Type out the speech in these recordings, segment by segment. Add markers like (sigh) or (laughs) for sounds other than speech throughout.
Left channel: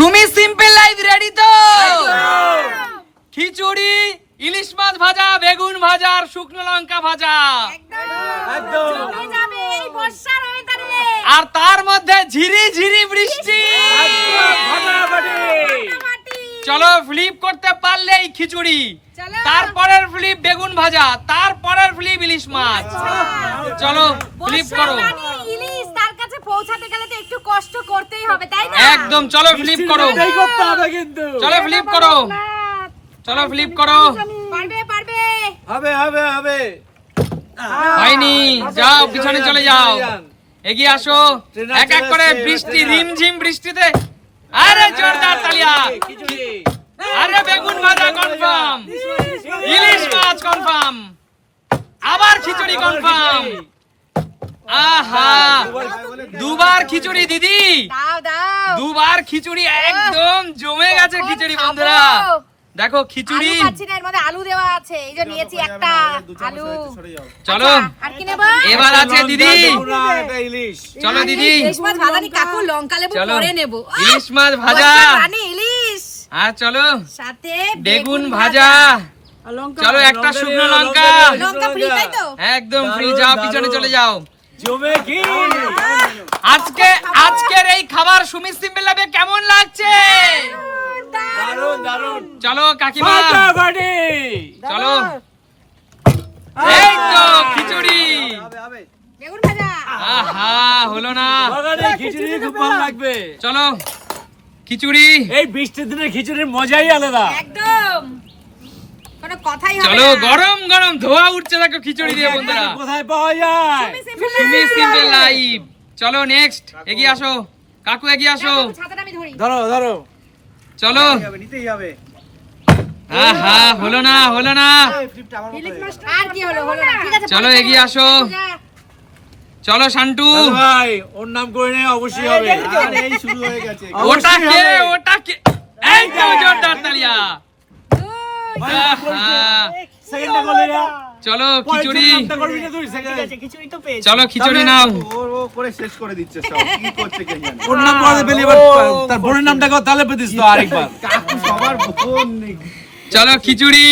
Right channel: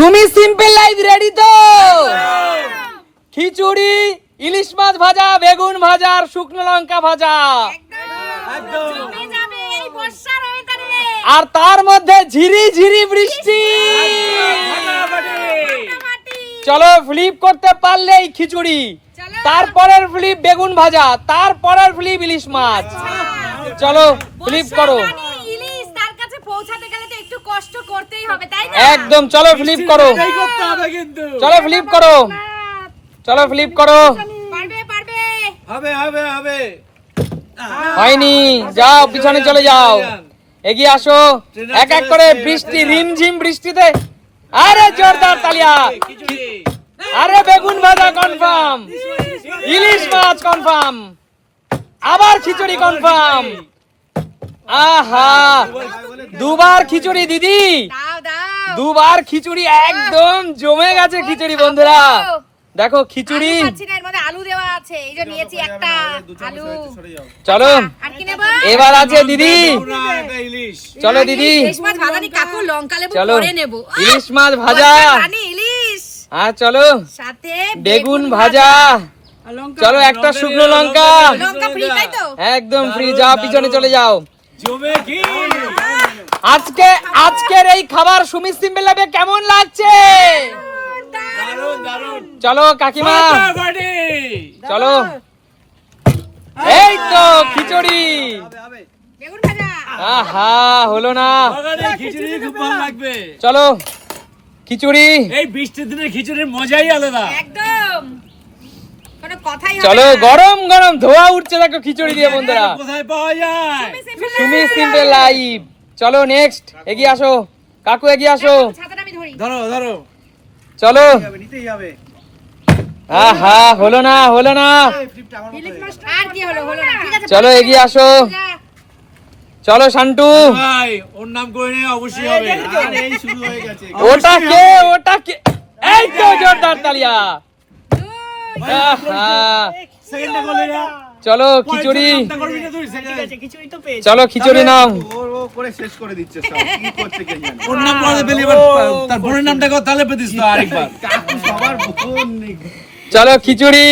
Sumi simple life ready তো? খিচুড়ি ইলিশ মাছ ভাজা বেগুন ভাজা আর শুকনো লঙ্কা ভাজা। একদম। জমে যাবে এই বর্ষার ওয়েদারে আর তার মধ্যে ঝিরি ঝিরি বৃষ্টি। চলো ফ্লিপ করতে পারলেই খিচুড়ি। চলো। তারপরের ফ্লিপ বেগুন ভাজা তারপরের ফ্লিপ ইলিশ মাছ। চলো ফ্লিপ করো। কাছে পৌঁছাতে গেলে তো একটু কষ্ট করতেই হবে তাই না? একদম চলো ফ্লিপ করো। এটাই করতে হবে কিন্তু। চলো ফ্লিপ করো। চলো ফ্লিপ করো। পারবে পারবে। হবে হবে হবে। হয়নি। যাও পিছনে চলে যাও। এগিয়ে আসো। এক এক করে বৃষ্টি। রিমঝিম বৃষ্টিতে। আরে জোরদার তালিয়া। খিচুড়ি। আরে বেগুন ভাজা কনফার্ম ইলিশ মাছ কনফার্ম আবার খিচুড়ি কনফার্ম আহা! দুবার খিচুড়ি দিদি! দাও দাও! দুবার খিচুড়ি একদম জমে গেছে খিচুড়ি বন্ধুরা। দেখো খিচুড়ি। আলু পাচ্ছি না এর মধ্যে আলু দেওয়া আছে। এই যে নিয়েছি একটা আলু। চলো। আচ্ছা, আর কি নেব? এবার আছে দিদি। ইলিশ। চলো দিদি। ইলিশ মাছ ভাজা নি কাকু লঙ্কা লেবু পরে নেব। ইলিশ মাছ ভাজা। রানী ইলিশ। হ্যাঁ চলো। সাথে বেগুন ভাজা। চলো একটা শুকনো লঙ্কা। লঙ্কা ফ্রি তাই তো? একদম ফ্রি যাও পিছনে চলে যাও। জমে কি আজকে আজকের এই খাবার কেমন লাগছে? দারুণ দারুণ চলো কাকিমা। ফাটাফাটি চলো। এই তো খিচুড়ি। বেগুন ভাজা। আহা হলো না। খিচুড়ি খুব ভালো লাগবে। চলো খিচুড়ি। এই বৃষ্টির দিনে খিচুড়ির মজাই আলাদা। একদম। কোনো কথাই হবে চলো। গরম গরম ধোয়া উঠছে দেখো খিচুড়ি দিয়ে বন্ধুরা। কোথায় পাওয়া যায়? সুমি সিম্পল লাইভ চলো নেক্সট এগিয়ে আসো। কাকু এগিয়ে আসো। ছাতাটা আমি ধরি। ধরো ধরো। চলো। নিতেই হবে আহা হলো না হলো না। আর কি হলো হলো না। ঠিক আছে চলো এগিয়ে আসো। চলো শান্টু। ভাই ওর নাম করে নে অবশ্যই হবে। আর এই শুরু হয়ে গেছে। ওটা কে ওটা কে? এই তো জোরদার তালিয়া দুই। আহা, সেকেন্ডটা করলি না চলো খিচুড়ি। করবি না তুই সেকেন্ড চলো খিচুড়ি নাও। ও ও করে শেষ করে দিচ্ছে সব। (laughs) কি করছে কে জানে? ওর নাম করে পেলি এবার তার বোনের নামটা তাহলে পেতিস তো আরেকবার। (laughs) কাকু সবার বোন নেই। চলো খিচুড়ি।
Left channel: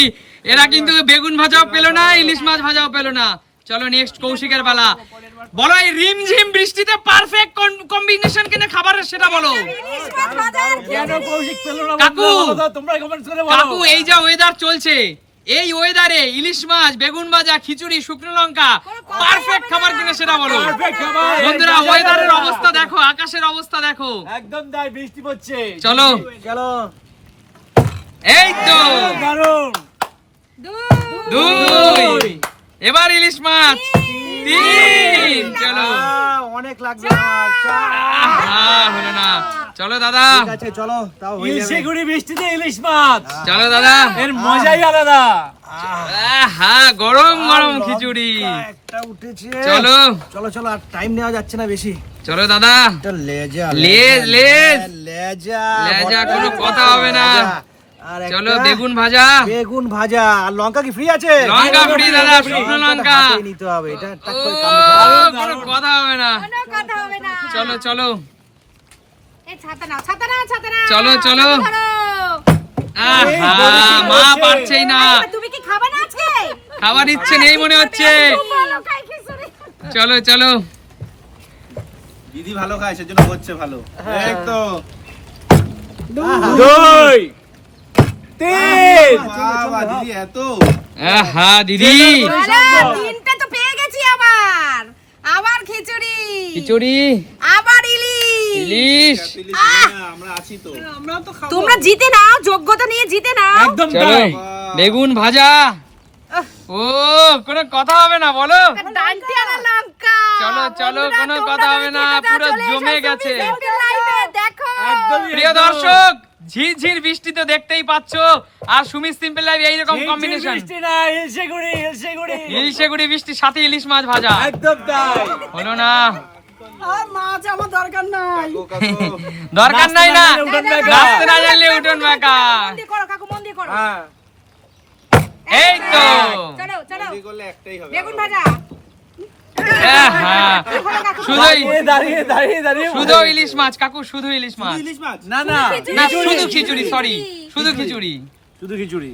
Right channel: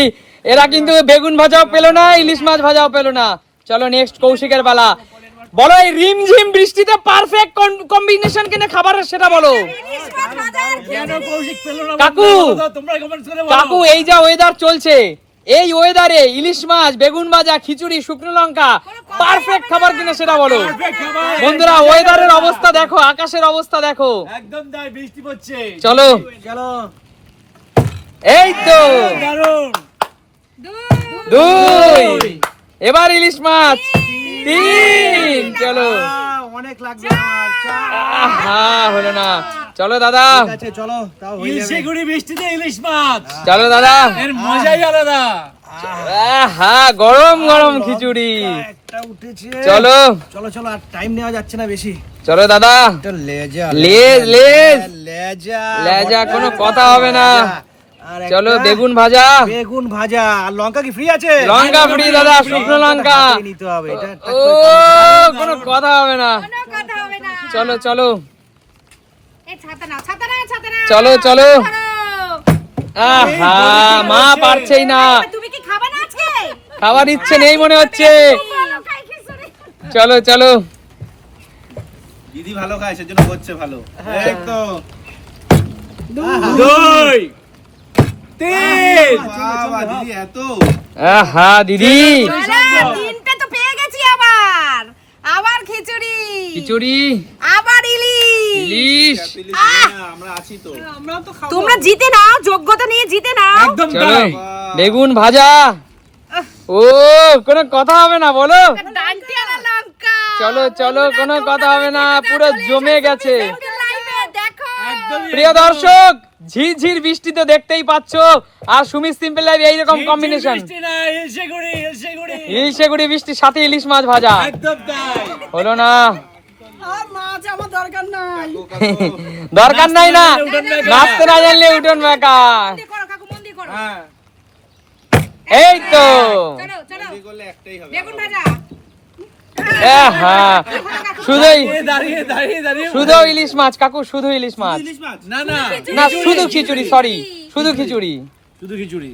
এরা কিন্তু বেগুন ভাজাও পেল না ইলিশ মাছ ভাজাও পেল না। চলো নেক্সট কৌশিকের পালা। বলো এই রিমঝিম বৃষ্টিতে পারফেক্ট কম্বিনেশন কিনে খাবারের সেটা বলো। কাকু। কাকু এই যা ওয়েদার চলছে এই ওয়েদারে ইলিশ মাছ বেগুন ভাজা খিচুড়ি শুকনো লঙ্কা পারফেক্ট খাবার কিনে সেটা বলো। বন্ধুরা ওয়েদারের অবস্থা দেখো আকাশের অবস্থা দেখো। একদম তাই বৃষ্টি পড়ছে। চলো। চলো এই তো। দারুণ দুই। দুই। এবার ইলিশ মাছ। তিন। চলো। অনেক লাগবে আমার। চার হলো না। চলো দাদা। ঠিক আছে চলো তাও হয়ে যাবে। ইলশে গুড়ি বৃষ্টিতে ইলিশ মাছ। চলো দাদা। এর মজাই আলাদা। আহা গরম গরম খিচুড়ি। একটা উঠেছে। চলো। চলো চলো আর টাইম নেওয়া যাচ্ছে না বেশি। চলো দাদা। এটা লেজা লেজ, লেজ। লেজা কোনো কথা হবে না। চলো বেগুন ভাজা। বেগুন ভাজা। আর লঙ্কা কি ফ্রি আছে? লঙ্কা ফ্রি দাদা শুকনো লঙ্কা। নিতে হবে এটা কোনো কথা হবে না। কথা হবে না। চলো চলো। এই ছাতা নাও ছাতা নাও ছাতা নাও চলো, চলো। মা পারছেই না। তুমি কি খাবে না আজকে? খাবার ইচ্ছে নেই মনে হচ্ছে। চলো চলো। দিদি ভালো খায় সেজন্য হচ্ছে ভালো। এই তো। দুই। তিন। দিদি এত। আহা দিদি। তিনটে তো পেয়ে গেছি আবার। আবার খিচুড়ি। খিচুড়ি। আবার ইলিশ। ইলিশ। আমরা আছি তো। তোমরা জিতে নাও যোগ্যতা নিয়ে জিতে নাও। একদম তাই। বেগুন ভাজা। ও কোনো কথা হবে না বলো। ডান্টি আর লঙ্কা। চলো, চলো, কোনো কথা হবে না, পুরো জমে গেছে। প্রিয় দর্শক ঝিরঝির বৃষ্টিতে দেখতেই পাচ্ছ। আর সুমিত সিম্পল লাইভ এইরকম ঝিরঝির কম্বিনেশন বৃষ্টি না ইলশে গুড়ি ইলশে গুড়ি। ইলিশে গুড়ি বৃষ্টির সাথে ইলিশ মাছ ভাজা। একদম তাই। হলো না। কাকু। দরকার নাই না। নাচতে না না জানলে উঠোন বেকা করো কাকু মন দিয়ে করো। হ্যাঁ। এই তো। চলো চলো। করলে একটাই হবে বেগুন ভাজা। শুধু ইলিশ মাছ কাকু শুধু ইলিশ মাছ। না না। না শুধু খিচুড়ি সরি শুধু খিচুড়ি। শুধু খিচুড়ি।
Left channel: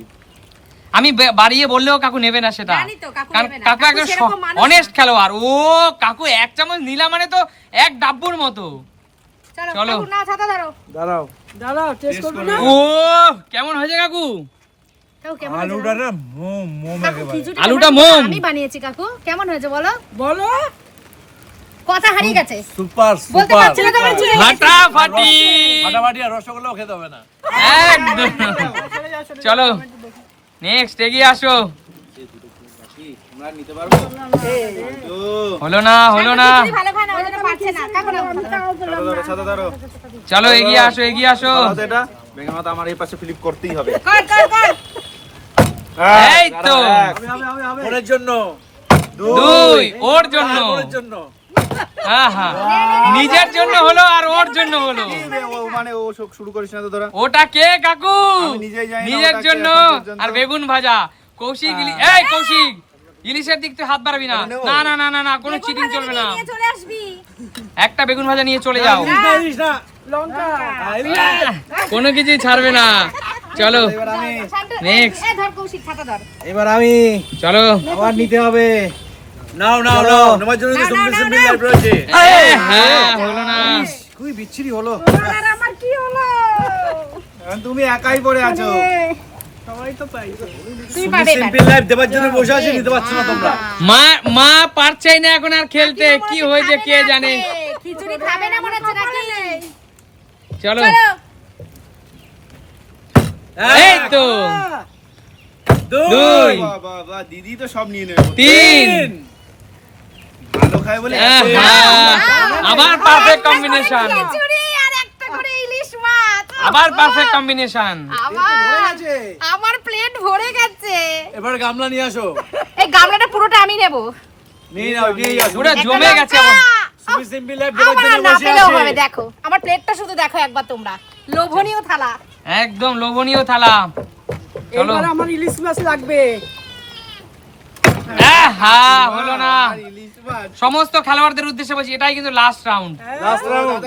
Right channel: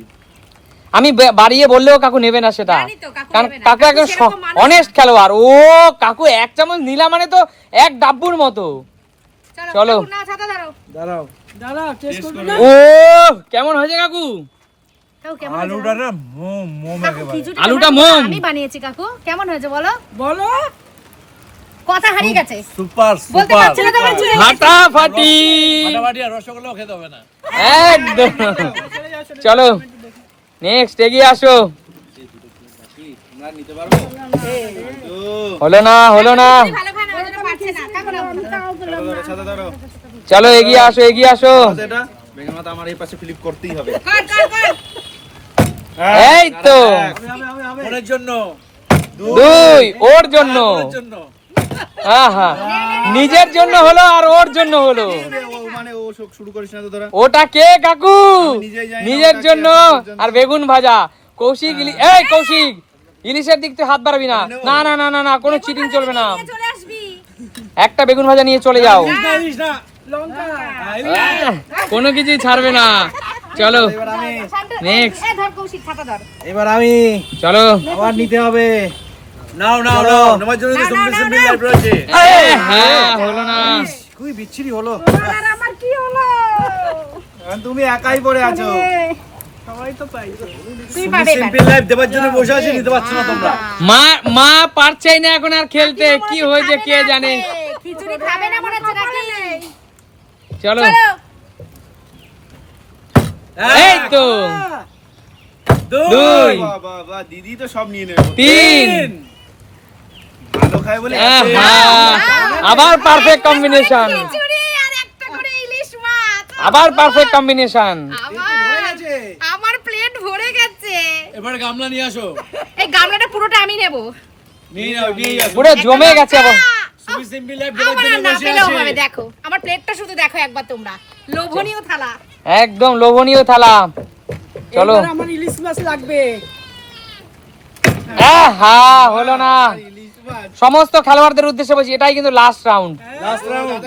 আমি বাড়িয়ে বললেও কাকু নেবে না সেটা। কাকু একজন অনেস্ট খেলোয়াড়। ও কাকু এক চামচ নিলা মানে তো এক ডাব্বুর মতো। চলো ধরো। দাঁড়াও। ও কেমন হয়েছে কাকু? আলুটা না মোম মোম একেবারে। আলুটা মোম। আমি বানিয়েছি কাকু। কেমন হয়েছে বলো? বলো। কথা হারিয়ে গেছে। সুপার বলতে সুপার। ফাটাফাটি। ফাটাফাটি আর রসগোল্লাও খেতে হবে না। একদম। চলো নেক্সট এগিয়ে আসো। আমরা নিতে পারব ও হলো না হলো না। চলো এগিয়ে আসো এগিয়ে আসো। আমার এই পাশে ফ্লিপ করতেই হবে। কর কর কর। এই তো। ওনের জন্য। দুই ওর জন্য। হ্যাঁ হ্যাঁ নিজের জন্য হলো আর ওর জন্য হলো। মানে ও শোক শুরু করিস না তো তোরা। ওটা কে কাকু? নিজের জন্য। আর বেগুন ভাজা। কৌশিক এই কৌশিক ইলিশের দিক থেকে হাত বাড়াবি না। না না না না না কোনো চিটিং চলবে না। নিয়ে চলে আসবি। একটা বেগুন ভাজা নিয়ে চলে যাও। কোনো কিছুই ছাড়বে না। চলো। এবার আমি এবার চলো। আবার নিতে হবে। নাও নাও নাও নেওয়ার জন্য তো রয়েছে। হ্যাঁ হলো না। খুবই বিচ্ছিরি হলো। আর আমার কি হলো? তুমি একাই পড়ে আছো। তোমরা। মা মা পারছেই না এখন আর খেলতে। কি হয়েছে কে জানে? খিচুড়ি খাবে না মনে হচ্ছে চলো। চলো। এই তো দুই দিদি তো সব নিয়ে নেবে। তিন। ভালো খায় বলে আহ, এত- হ্যাঁ। আবার পারফেক্ট কম্বিনেশন খিচুড়ি আর একটা করে ইলিশ মাছ। আবার পারফেক্ট কম্বিনেশন আমার আমার প্লেট ভরে গেছে। এবার গামলা নিয়ে আসো। এই গামলাটা পুরোটা আমি নেব। নিয়ে নাও নিয়ে আসো পুরো জমে গেছে আবার। সিম্পল লাইফ দেওয়ার জন্য বসে পেলেও দেখো। আমার প্লেটটা শুধু দেখো একবার তোমরা। লোভনীয় থালা। একদম লোভনীয় থালা। চলো। আমার ইলিশ মাছ লাগবে। হলো না। সমস্ত খেলোয়াড়দের উদ্দেশ্যে বলছি এটাই কিন্তু লাস্ট রাউন্ড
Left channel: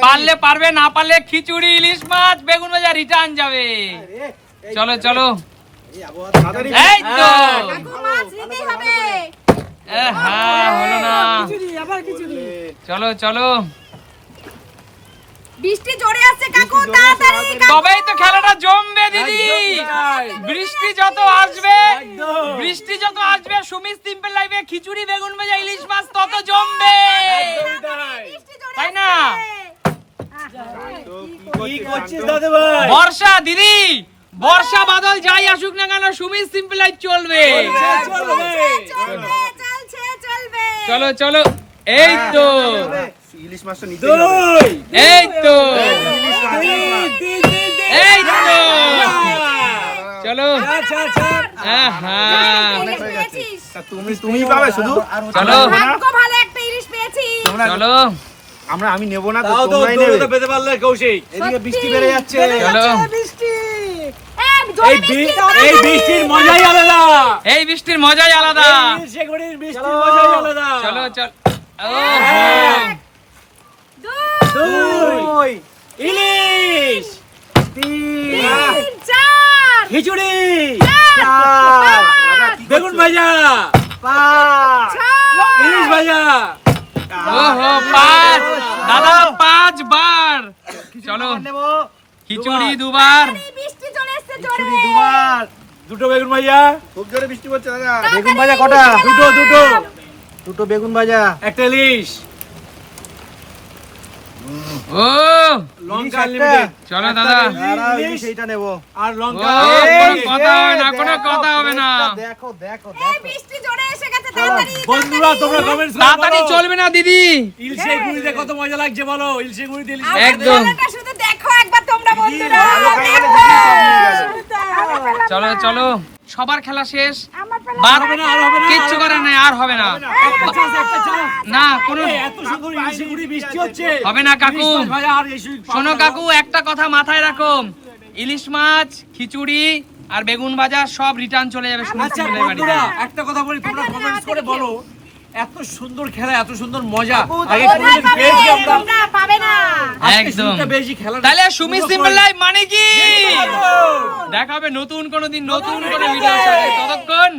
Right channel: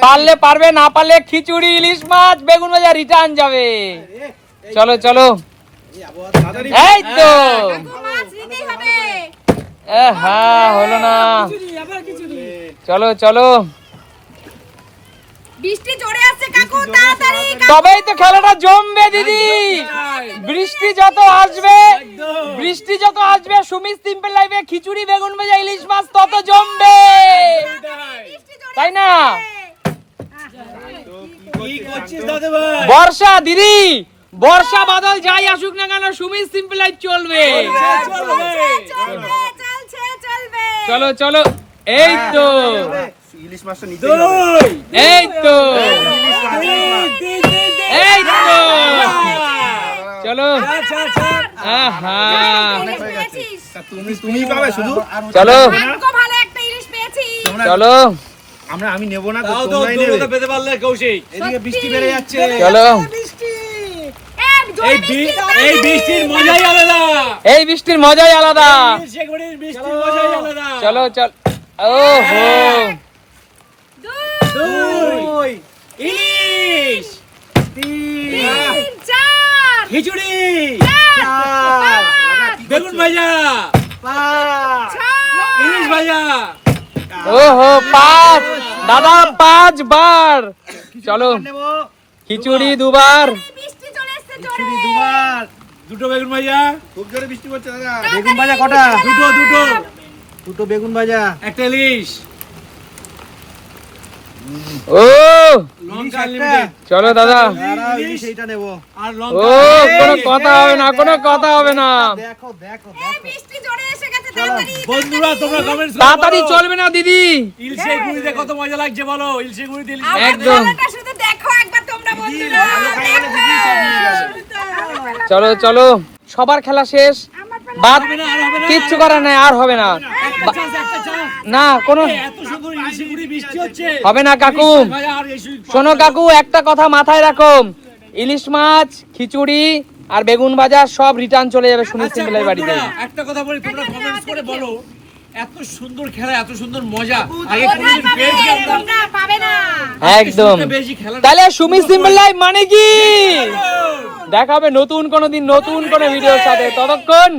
পারলে পারবে না পারলে খিচুড়ি ইলিশ মাছ বেগুন ভাজা রিটার্ন যাবে। চলো চলো। এই তো। কাকু মাছ নিতেই হবে। এ, হ্যাঁ হলো না। খিচুড়ি আবার খিচুড়ি। চলো চলো। বৃষ্টি জোরে আসছে কাকু তাড়াতাড়ি তবেই তো খেলাটা জমবে দিদি। বৃষ্টি যত আসবে বৃষ্টি যত আসবে সুমিত সিম্পল লাইফে খিচুড়ি বেগুন ভাজা ইলিশ মাছ তত জমবে। তাই না? বর্ষা দিদি বর্ষা বাদল যাই আসুক না কেন সুমিত সিম্পল লাইফ চলবে। চলবে। চলবে চলছে চলবে। চলো চলো। এই তো। ইলিশ মাছটা দুই! এই তো। ইলিশ মাছ, এই তো। চলো। চার চার চার আহা তা তুমি তুমি পাবে শুধু? চলো। ভালো একটা ইলিশ পেয়েছি চলো। আমরা আমি নেব না তো তো তোমরাই নেবে। পেতে পারলে কৌশিক। এদিকে বৃষ্টি বেড়ে যাচ্ছে। চলো। বৃষ্টি। এই। বৃষ্টির মজাই আলাদা। এই বৃষ্টির মজাই আলাদা। এই বৃষ্টির মজাই আলাদা। চলো চল। ও দুই ইলিশ তিন, চার, খিচুড়ি পাঁচ, বেগুন ভাজা ছয়, ইলিশ ভাজা। ওহো পাঁচ দাদা পাঁচ বার চলো। খিচুড়ি দুবার। জোরে। দুবার। দুটো বেগুন ভাজা। খুব জোরে বৃষ্টি পড়ছে দাদা। বেগুন ভাজা কটা? দুটো দুটো। দুটো বেগুন ভাজা। একটা ইলিশ। ও! লঙ্কা লিমিটেড চলো দাদা। ইলিশ এইটা নেব। আর লঙ্কা। কথা হবে না কোনো কথা হবে না। এ, বৃষ্টি জোরে এসে গেছে তাড়াতাড়ি বন্ধুরা তোমরা কমেন্টস তাড়াতাড়ি চলবে না দিদি। ইলশে গুড়িতে কত মজা লাগছে বলো ইলশে ইলিশ। আমার একদম। শুধু দেখো একবার তোমরা বন্ধুরা। দেখো। চলো চলো। সবার খেলা শেষ। বাদ কিচ্ছু করার নাই আর হবে না। না কোনো এত সুন্দর ইলশে বৃষ্টি হচ্ছে। হবে না কাকু শোনো কাকু একটা কথা মাথায় রাখো। ইলিশ মাছ খিচুড়ি আর বেগুন ভাজা সব রিটার্ন চলে যাবে সুমিত আচ্ছা বাড়িতে। একটা কথা বলি তোমরা কমেন্টস করে বলো। এত সুন্দর খেলা এত সুন্দর মজা। আগে কোথায় পাবে পেয়েছি আমরা। পাবে না। একদম। তাহলে সুমি পুরো লাইভ মানে কি? দেখা হবে নতুন কোনো দিন নতুন কোনো ভিডিওর সাথে। ততক্ষণ